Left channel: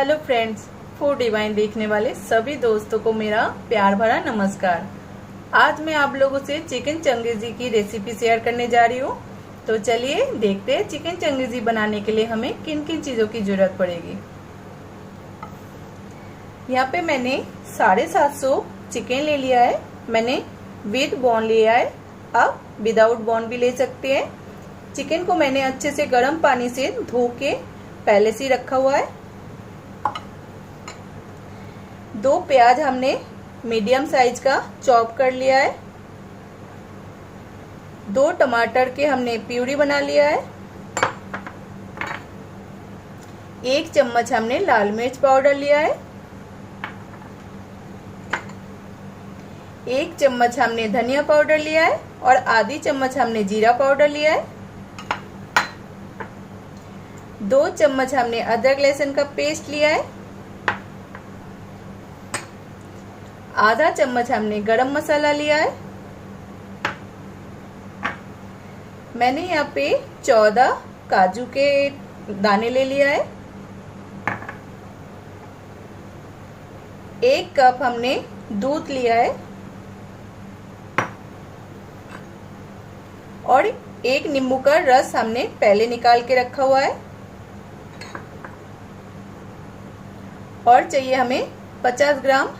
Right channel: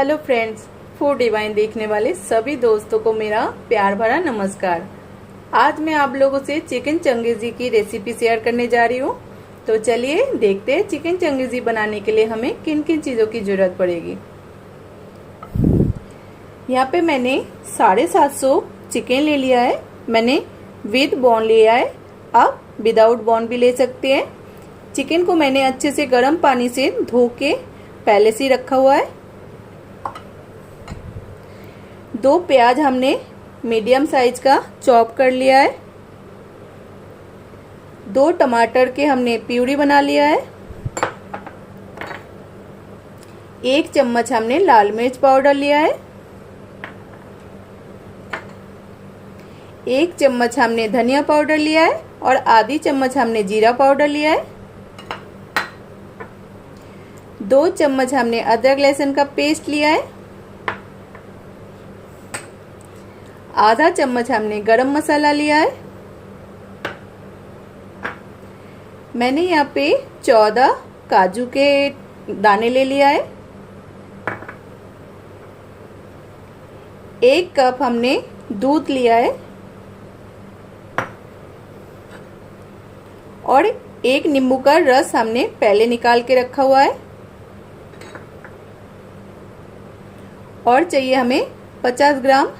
Hello friends, food divine देखने वाले सभी दोस्तों को मेरा प्यार भरा नमस्कार। आज मैं आप लोगों से चिकन चंगेजी की रेसिपी शेयर करने जा रही हूँ। तो चलिए देखते हैं चिकन चंगेजी बनाने के लिए हमें किन किन चीज़ों की जरूरत पड़ेगी। यहाँ पे मैंने 750 चिकन ले लिया है। मैंने विद बोन लिया है, आप विदाउट बोन भी ले सकते हैं। चिकन को मैंने अच्छे से गर्म पानी से धो के पहले से रखा हुआ है। 2 प्याज हमने मीडियम साइज का चॉप कर लिया है। 2 टमाटर के हमने प्यूरी बना लिया है। 1 चम्मच हमने लाल मिर्च पाउडर लिया है। 1 चम्मच हमने धनिया पाउडर लिया है और आधी चम्मच हमने जीरा पाउडर लिया है। 2 चम्मच हमने अदरक लहसुन का पेस्ट लिया है। आधा चम्मच हमने गरम मसाला लिया है। मैंने यहाँ पे 14 काजू के दाने ले लिया है। 1 कप हमने दूध लिया है और 1 नींबू का रस हमने पहले निकाल के रखा हुआ है। और चाहिए हमें 50 ग्राम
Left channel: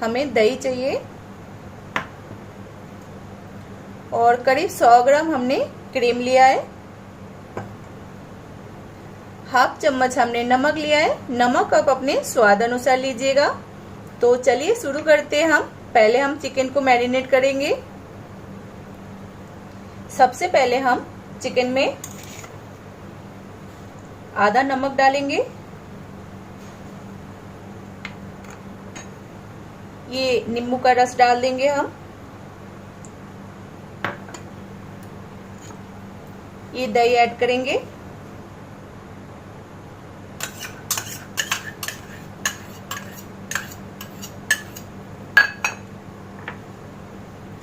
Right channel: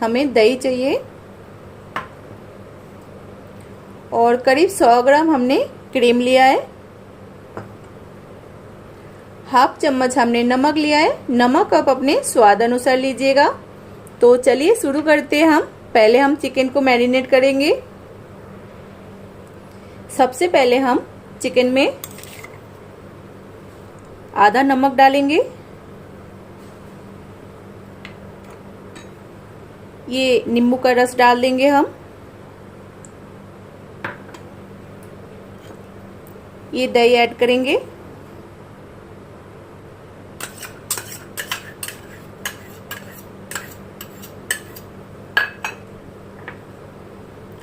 हमें दही चाहिए और करीब 100 ग्राम हमने क्रीम लिया है। हाफ चम्मच हमने नमक लिया है। नमक आप अपने स्वाद अनुसार लीजिएगा। तो चलिए शुरू करते हैं। पहले हम चिकन को मैरिनेट करेंगे। सबसे पहले हम चिकन में आधा नमक डालेंगे। ये नींबू का रस डाल देंगे हम। ये दही ऐड करेंगे।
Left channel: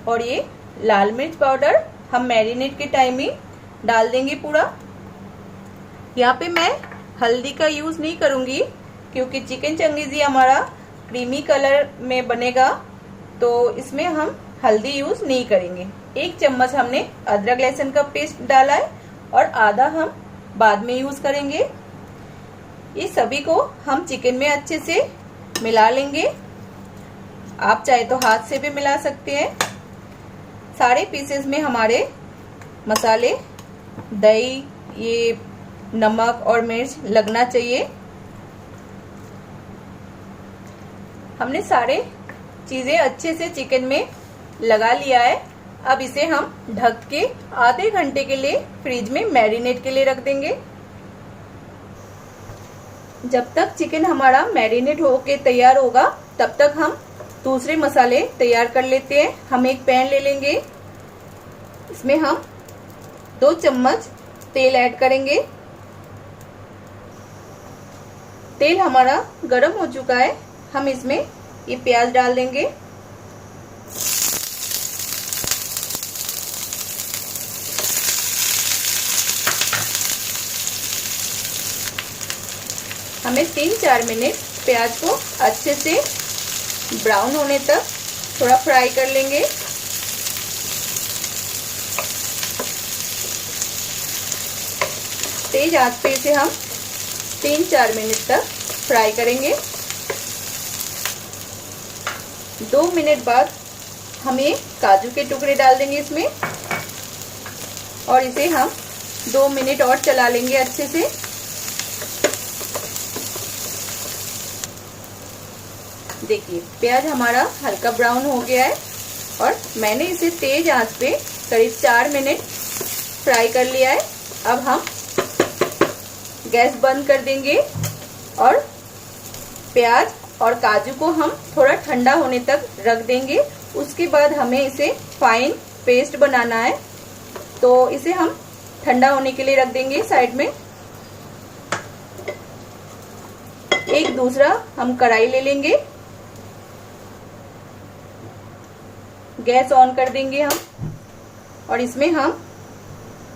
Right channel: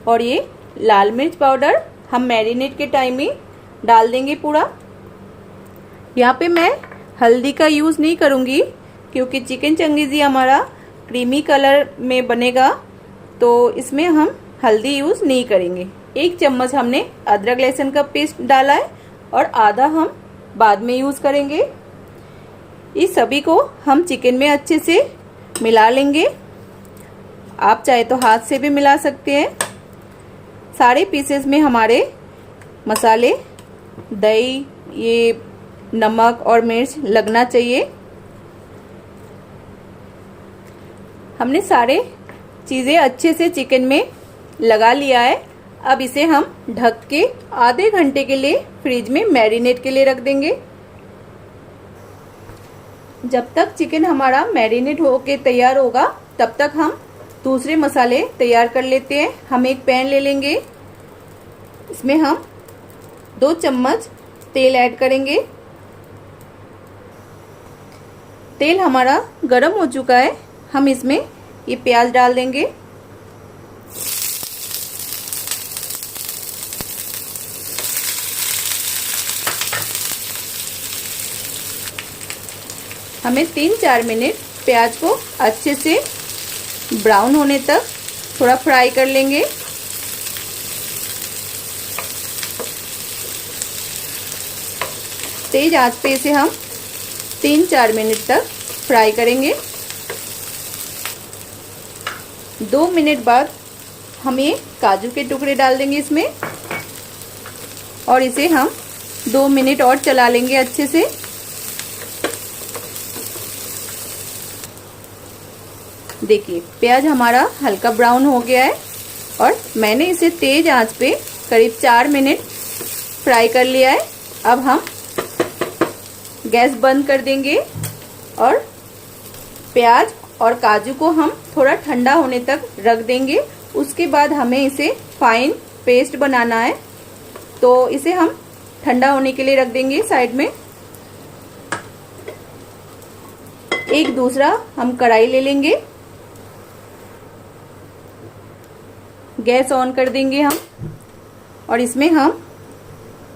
और ये लाल मिर्च पाउडर हम मैरिनेट के टाइम ही डाल देंगे पूरा। यहाँ पे मैं हल्दी का यूज नहीं करूंगी क्योंकि चिकन चंगेजी हमारा क्रीमी कलर में बनेगा, तो इसमें हम हल्दी यूज नहीं करेंगे। 1 चम्मच हमने अदरक लहसुन का पेस्ट डाला है और आधा हम बाद में यूज करेंगे। इस सभी को हम चिकन में अच्छे से मिला लेंगे। आप चाहे तो हाथ से भी मिला सकते हैं। सारे पीसेस में हमारे मसाले, दही, ये नमक और मिर्च लगना चाहिए। हमने सारे चीजें अच्छे से चिकन में लगा लिया है। अब इसे हम ढक के आधे घंटे के लिए फ्रिज में मैरिनेट के लिए रख देंगे। जब तक चिकन हमारा मैरिनेट होके तैयार होगा तब तक हम दूसरे मसाले तैयार कर लेते हैं। हम एक पैन ले लेंगे। इसमें हम 2 चम्मच तेल ऐड करेंगे। तेल हमारा गर्म हो चुका है। हम इसमें ये प्याज डाल देंगे। हमें 3-4 मिनट प्याज को अच्छे से ब्राउन होने तक थोड़ा फ्राई कर लेंगे। तेज आंच पे इसे हम 3-4 मिनट तक फ्राई करेंगे। 2 मिनट बाद हम ये काजू के टुकड़े डाल देंगे इसमें और इसे हम 2 मिनट और चला लेंगे अच्छे से। देखिए प्याज हमारा हल्का ब्राउन हो गया है और मैंने इसे तेज आंच पे करीब 4 मिनट फ्राई कर लिया है। अब हम गैस बंद कर देंगे और प्याज और काजू को हम थोड़ा ठंडा होने तक रख देंगे। उसके बाद हमें इसे फाइन पेस्ट बनाना है, तो इसे हम ठंडा होने के लिए रख देंगे साइड में। एक दूसरा हम कढ़ाई ले लेंगे। गैस ऑन कर देंगे हम और इसमें हम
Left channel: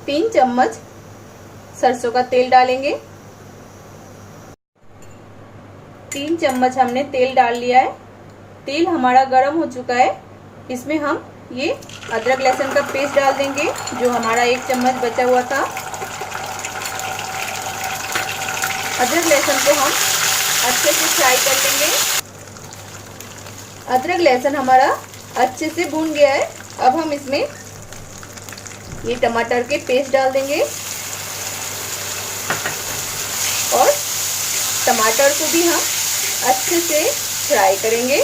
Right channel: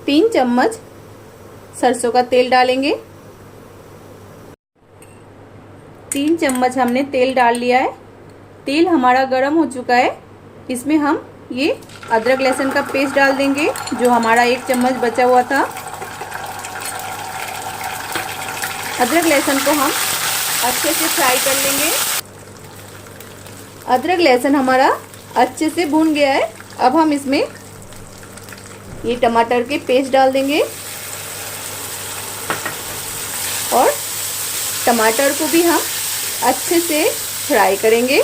3 चम्मच सरसों का तेल डालेंगे। 3 चम्मच हमने तेल डाल लिया है। तेल हमारा गर्म हो चुका है। इसमें हम ये अदरक लहसुन का पेस्ट डाल देंगे जो हमारा 1 चम्मच बचा हुआ था। अदरक लहसुन को हम अच्छे से फ्राई कर लेंगे। अदरक लहसुन हमारा अच्छे से भून गया है। अब हम इसमें ये टमाटर के पेस्ट डाल देंगे और टमाटर को भी हम अच्छे से फ्राई करेंगे।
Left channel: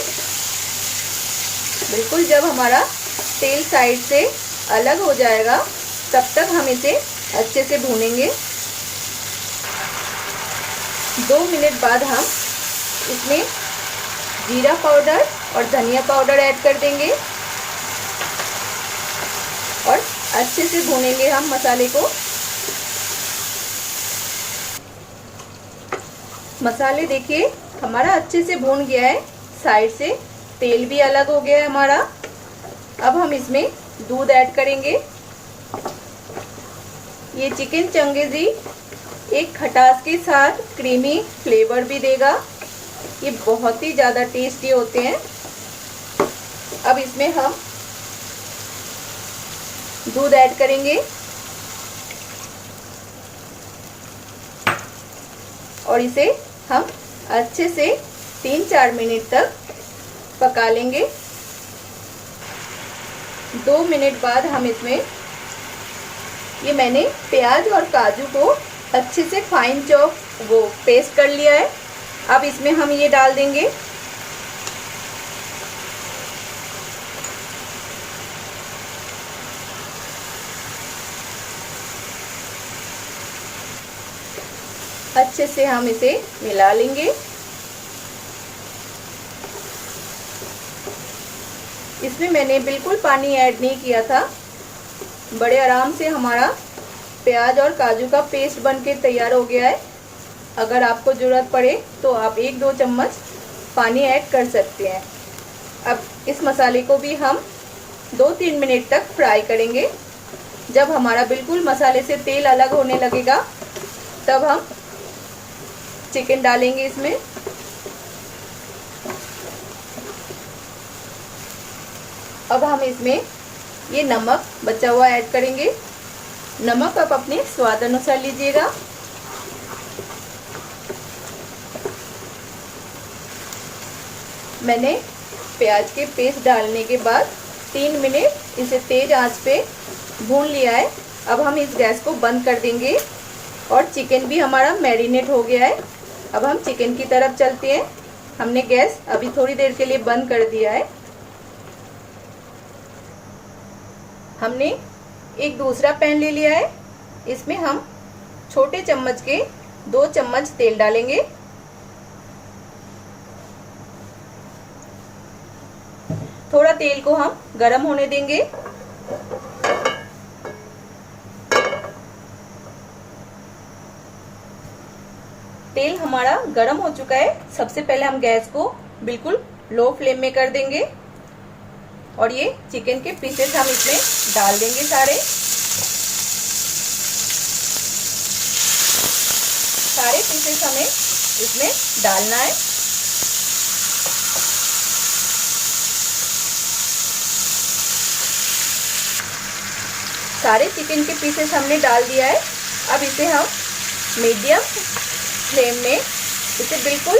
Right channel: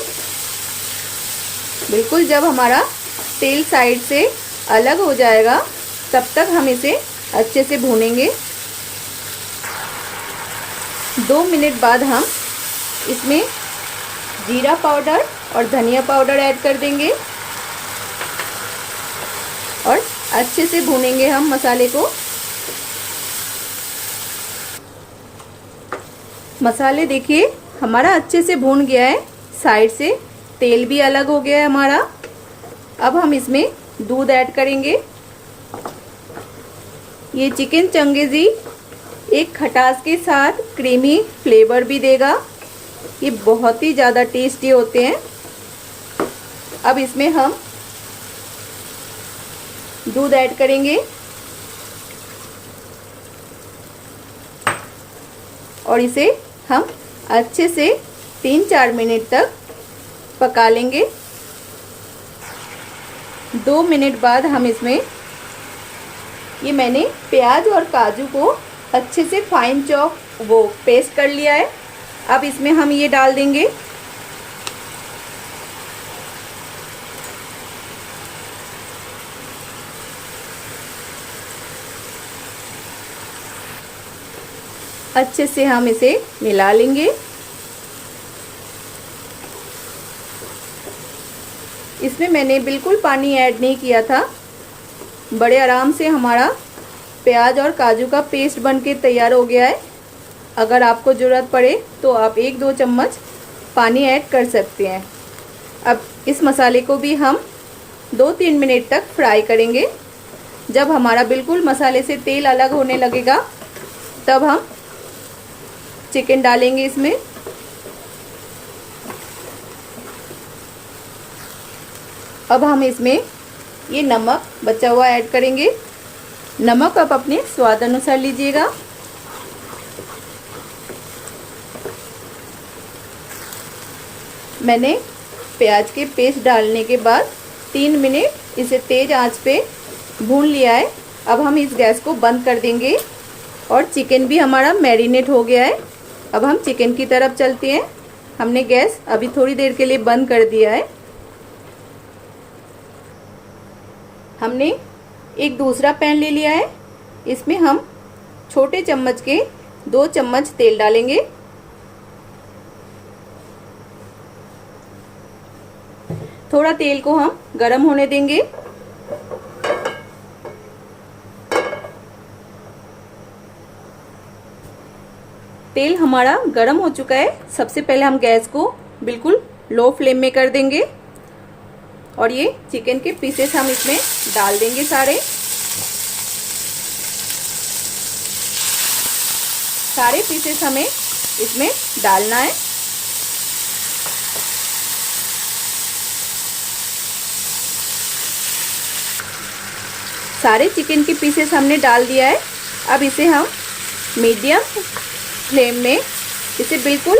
बिल्कुल जब हमारा तेल साइड से अलग हो जाएगा तब तक हम इसे अच्छे से भूनेंगे। 2 मिनट बाद हम इसमें जीरा पाउडर और धनिया पाउडर ऐड कर देंगे और अच्छे से भूनेंगे हम मसाले को। मसाले देखिए हमारा अच्छे से भून गया है, साइड से तेल भी अलग हो गया है हमारा। अब हम इसमें दूध ऐड करेंगे। ये चिकन चंगेजी एक खटास के साथ क्रीमी फ्लेवर भी देगा। ये बहुत ही ज़्यादा टेस्टी होते हैं। अब इसमें हम दूध ऐड करेंगे और इसे हम अच्छे से 3-4 मिनट तक पका लेंगे। 2 मिनट बाद हम इसमें ये मैंने प्याज और काजू को अच्छे से फाइन चॉप पेस्ट कर लिया है। अब इसमें हम ये डाल देंगे। अच्छे से हम इसे मिला लेंगे। इसमें मैंने बिल्कुल पानी ऐड नहीं किया था। बड़े आराम से हमारा प्याज और काजू का पेस्ट बनके तैयार हो गया है। अगर आपको ज़रूरत पड़े तो आप 1-2 चम्मच पानी ऐड कर सकते हैं। अब इस मसाले को भी हम 2-3 मिनट तक फ्राई करेंगे। जब हमारा बिल्कुल मसाले से तेल अलग होने लगेगा तब हम चिकन डालेंगे इसमें। अब हम इसमें ये नमक बचा हुआ ऐड करेंगे। नमक आप अपने स्वाद अनुसार लीजिएगा। मैंने प्याज के पेस्ट डालने के बाद 3 मिनट इसे तेज आंच पे भून लिया है। अब हम इस गैस को बंद कर देंगे और चिकन भी हमारा मैरिनेट हो गया है। अब हम चिकन की तरफ चलते हैं। हमने गैस अभी थोड़ी देर के लिए बंद कर दिया है। हमने एक दूसरा पैन ले लिया है। इसमें हम छोटे चम्मच के 2 चम्मच तेल डालेंगे। थोड़ा तेल को हम गरम होने देंगे। तेल हमारा गरम हो चुका है। सबसे पहले हम गैस को बिल्कुल लो फ्लेम में कर देंगे और ये चिकन के पीसेस हम इसमें डाल देंगे सारे पीसेस हमें इसमें डालना है। सारे चिकन के पीसेस हमने डाल दिया है। अब इसे हम मीडियम फ्लेम में इसे बिल्कुल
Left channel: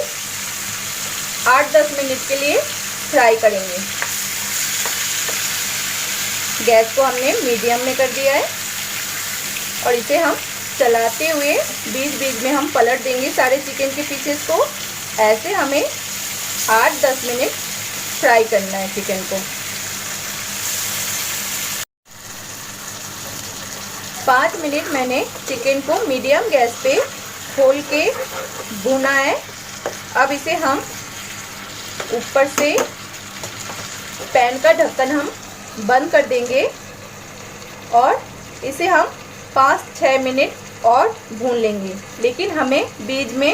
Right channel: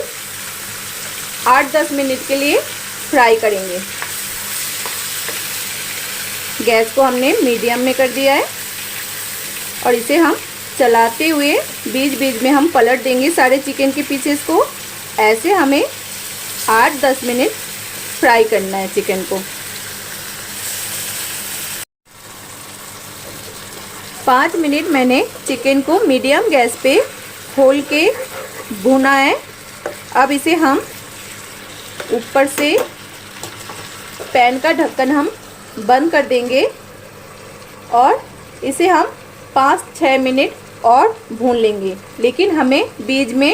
8-10 मिनट के लिए फ्राई करेंगे। गैस को हमने मीडियम में कर दिया है और इसे हम चलाते हुए बीच बीच में हम पलट देंगे सारे चिकन के पीसेस को। ऐसे हमें 8-10 मिनट फ्राई करना है चिकन को। 5 मिनट मैंने चिकन को मीडियम गैस पे खोल के भूना है। अब इसे हम ऊपर से पैन का ढक्कन हम बंद कर देंगे और इसे हम 5-6 मिनट और भून लेंगे। लेकिन हमें बीच में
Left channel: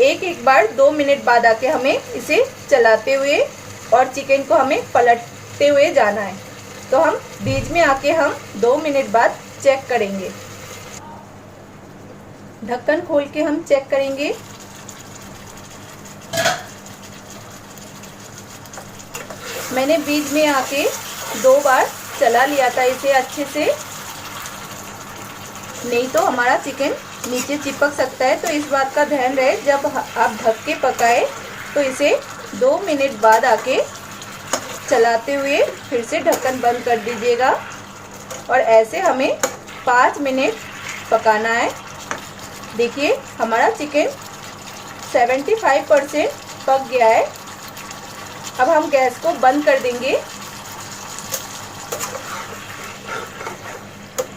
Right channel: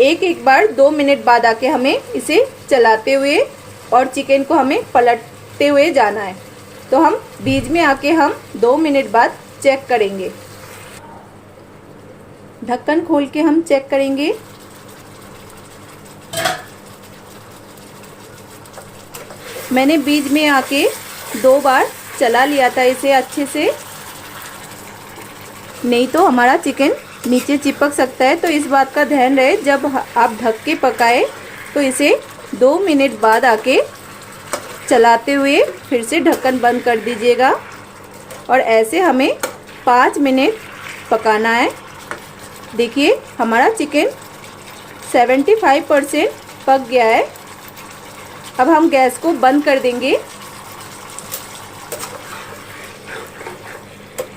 एक बार 2 मिनट बाद आके हमें इसे चलाते हुए और चिकन को हमें पलटते हुए जाना है। तो हम बीच में आके हम 2 मिनट बाद चेक करेंगे। ढक्कन खोल के हम चेक करेंगे। मैंने बीच में आके 2 बार चला लिया था इसे अच्छे से, नहीं तो हमारा चिकन नीचे चिपक सकता है। तो इस बात का ध्यान रहे, जब आप ढक के पकाए तो इसे 2 मिनट बाद आके चलाते हुए फिर से ढक्कन बंद कर दीजिएगा। और ऐसे हमें 5 मिनट पकाना है। देखिए हमारा चिकन 75% पक गया है। अब हम गैस को बंद कर देंगे।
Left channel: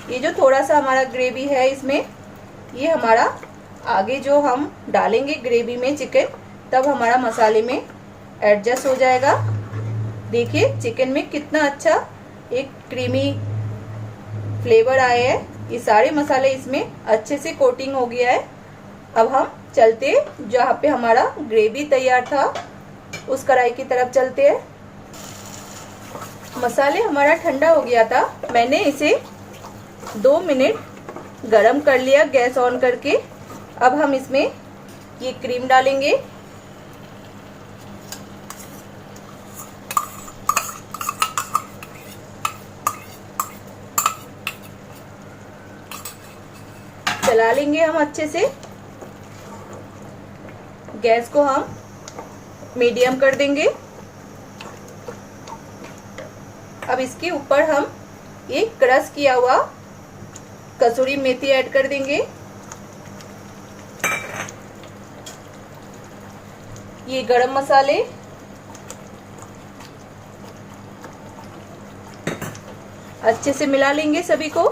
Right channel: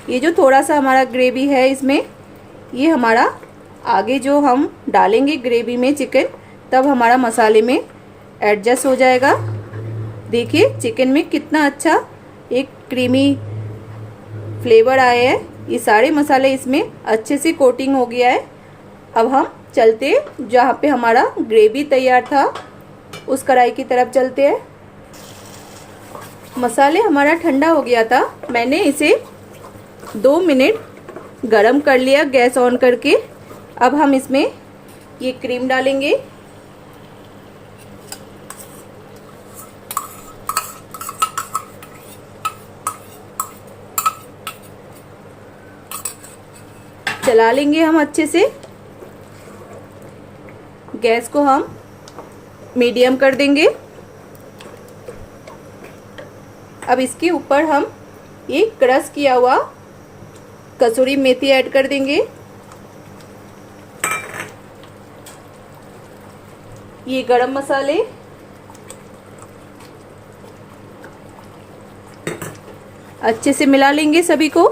ये जो थोड़ा सा हमारा ग्रेवी है इसमें, ये हमारा आगे जो हम डालेंगे ग्रेवी में चिकन, तब हमारा मसाले में एडजस्ट हो जाएगा। देखिए चिकन में कितना अच्छा एक क्रीमी फ्लेवर आया है। ये सारे मसाले इसमें अच्छे से कोटिंग हो गया है। अब हम चलते जहाँ पे हमारा ग्रेवी तैयार था उस कढ़ाई की तरफ चलते हैं। मसाले हमारा ठंडा हो गया था, मैंने इसे 2 मिनट गरम कर लिया गैस ऑन करके। अब हम इसमें ये क्रीम डालेंगे। चला लेंगे हम अच्छे से। गैस को हम मीडियम कर देंगे। अब इसके ऊपर हम ये क्रश किया हुआ कसूरी मेथी ऐड कर देंगे। ये गरम मसाले, अच्छे से मिला लेंगे सभी को।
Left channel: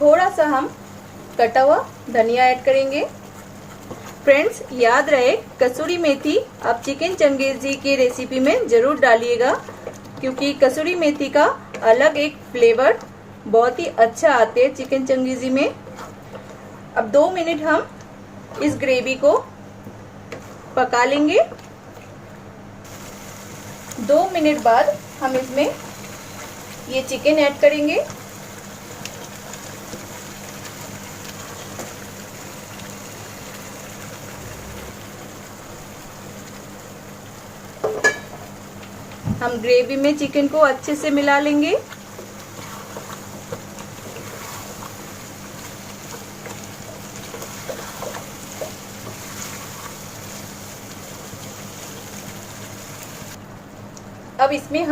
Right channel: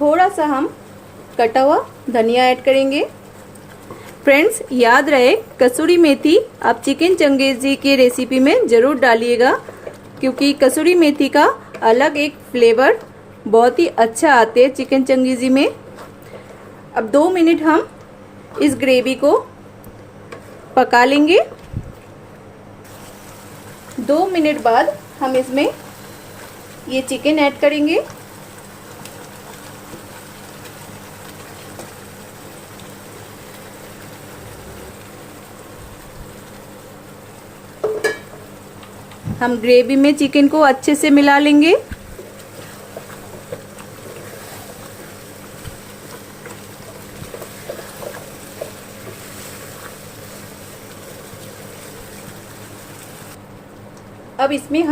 थोड़ा सा हम कटा हुआ धनिया ऐड करेंगे। फ्रेंड्स याद रहे, कसूरी मेथी आप चिकन चंगेजी की रेसिपी में जरूर डालिएगा, क्योंकि कसूरी मेथी का अलग एक फ्लेवर बहुत ही अच्छा आते है चिकन चंगेजी में। अब 2 मिनट हम इस ग्रेवी को पका लेंगे। 2 मिनट बाद हम इसमें ये चिकन ऐड करेंगे। हम ग्रेवी में चिकन को अच्छे से मिला लेंगे। अब इसमें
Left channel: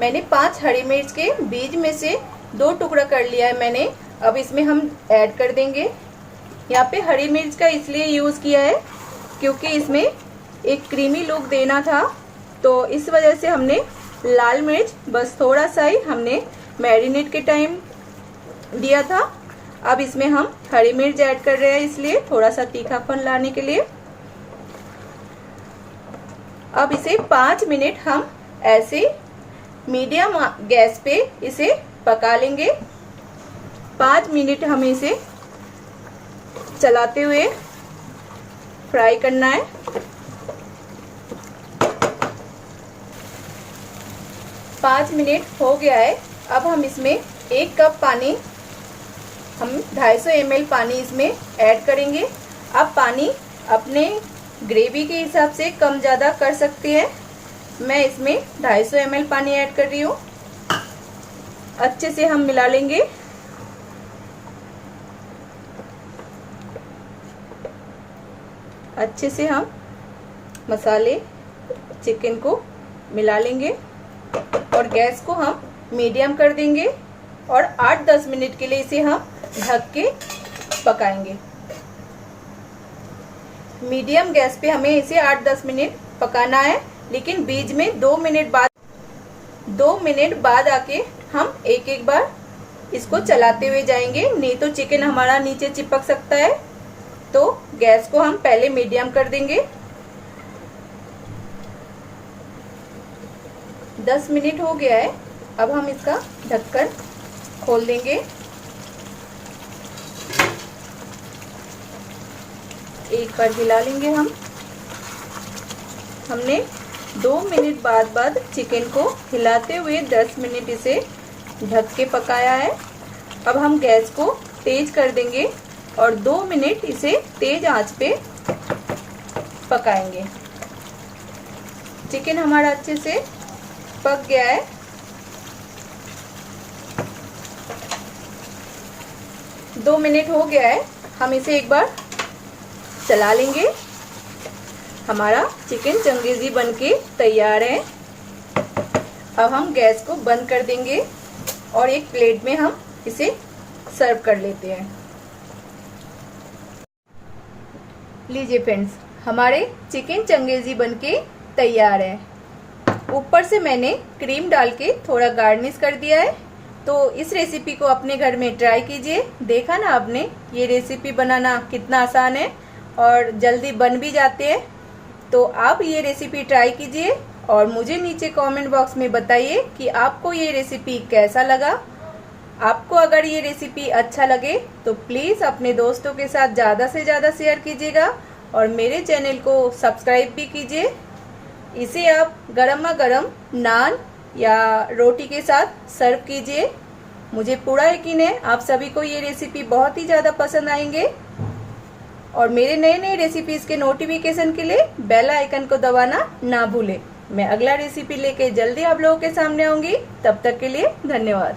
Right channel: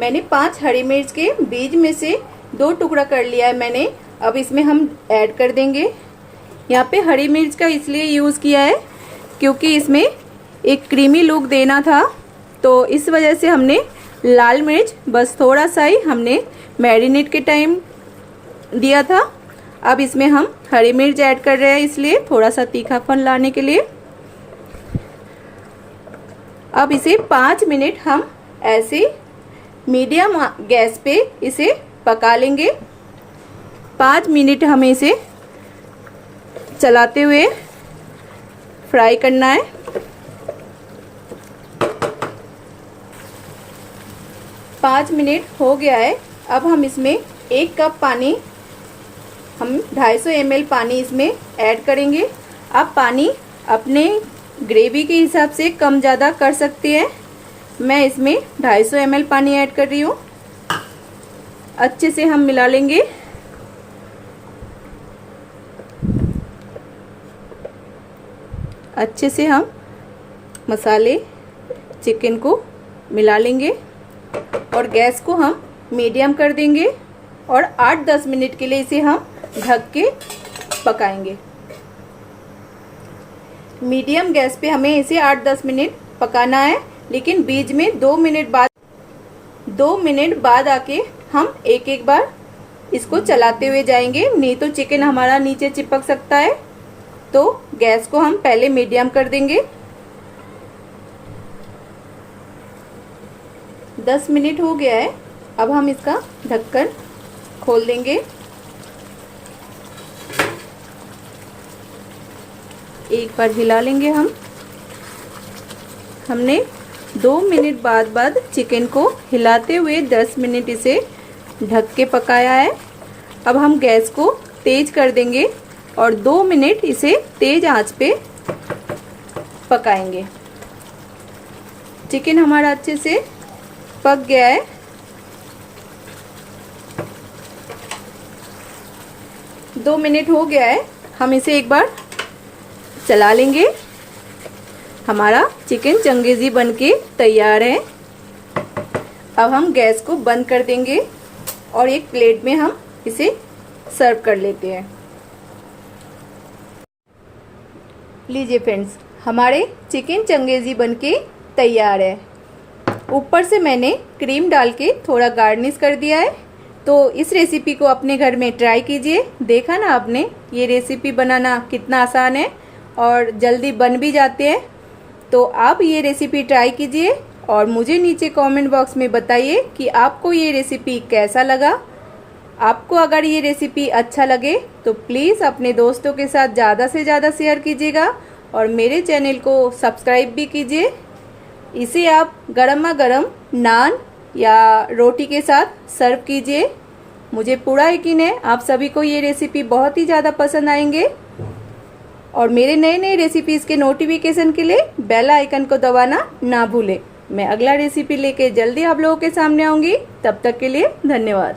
मैंने 5 हरी मिर्च के बीज में से 2 टुकड़ा कर लिया है मैंने। अब इसमें हम ऐड कर देंगे। यहाँ पे हरी मिर्च का इसलिए यूज किया है क्योंकि इसमें एक क्रीमी लुक देना था, तो इस वजह से हमने लाल मिर्च बस थोड़ा सा ही हमने मैरिनेट के टाइम दिया था। अब इसमें हम हरी मिर्च ऐड कर रहे हैं, इसलिए थोड़ा सा तीखापन लाने के लिए। अब इसे 5 मिनट हम ऐसे मीडियम गैस पे इसे पका लेंगे। 5 मिनट हमें इसे चलाते हुए फ्राई करना है। 5 मिनट हो गया है। अब हम इसमें 1 कप पानी, हम 250 ml पानी इसमें ऐड करेंगे। आप पानी अपने ग्रेवी के हिसाब से कम ज़्यादा कर सकते हैं। मैं इसमें 250 ml पानी ऐड कर रही हूँ। अच्छे से हम मिला लेंगे। अच्छे से हम मसाले चिकन को मिला लेंगे और गैस को हम मीडियम कर देंगे और 8-10 मिनट के लिए इसे हम ढक के पकाएंगे। मीडियम गैस पे हमें इसे 8-10 मिनट पकाना है, लेकिन बीच में 2 मिनट बाद आके हम एक बार इसको चलाते हुए जाएंगे, नहीं तो चिकन हमारा नीचे चिपक सकता है। तो गैस को हम पहले मीडियम कर देंगे। 10 मिनट हो गया है। अब हम इसका ढक्कन खोल देंगे। एक बार हिला लेंगे हमने 2 मिनट बाद चिकन को हिलाते हुए 10 मिनट इसे ढक के पकाया है। अब हम गैस को तेज कर देंगे और 2 मिनट इसे तेज आंच पे पकाएंगे। चिकन हमारा अच्छे से पक गया है। दो मिनट हो गया है, हम इसे एक बार चला लेंगे। हमारा चिकन चंगेजी बनके तैयार है। अब हम गैस को बंद कर देंगे और एक प्लेट में हम इसे सर्व कर लेते हैं। लीजिए फ्रेंड्स, हमारे चिकन चंगेजी बनके तैयार है। ऊपर से मैंने क्रीम डाल के थोड़ा गार्निश कर दिया है। तो इस रेसिपी को अपने घर में ट्राई कीजिए। देखा ना आपने, ये रेसिपी बनाना कितना आसान है और जल्दी बन भी जाते हैं। तो आप ये रेसिपी ट्राई कीजिए और मुझे नीचे कमेंट बॉक्स में बताइए कि आपको ये रेसिपी कैसा लगा। आपको अगर ये रेसिपी अच्छा लगे तो प्लीज़ अपने दोस्तों के साथ ज़्यादा से ज़्यादा शेयर कीजिएगा और मेरे चैनल को सब्सक्राइब भी कीजिए। इसे आप गरमा गरम नान या रोटी के साथ सर्व कीजिए। मुझे पूरा यकीन है आप सभी को ये रेसिपी बहुत ही ज़्यादा पसंद आएंगे। और मेरे नए नए रेसिपीज़ के नोटिफिकेशन के लिए बेल आइकन को दबाना ना भूलें। मैं अगला रेसिपी लेके जल्दी आप लोगों के सामने आऊँगी। तब तक के लिए धन्यवाद।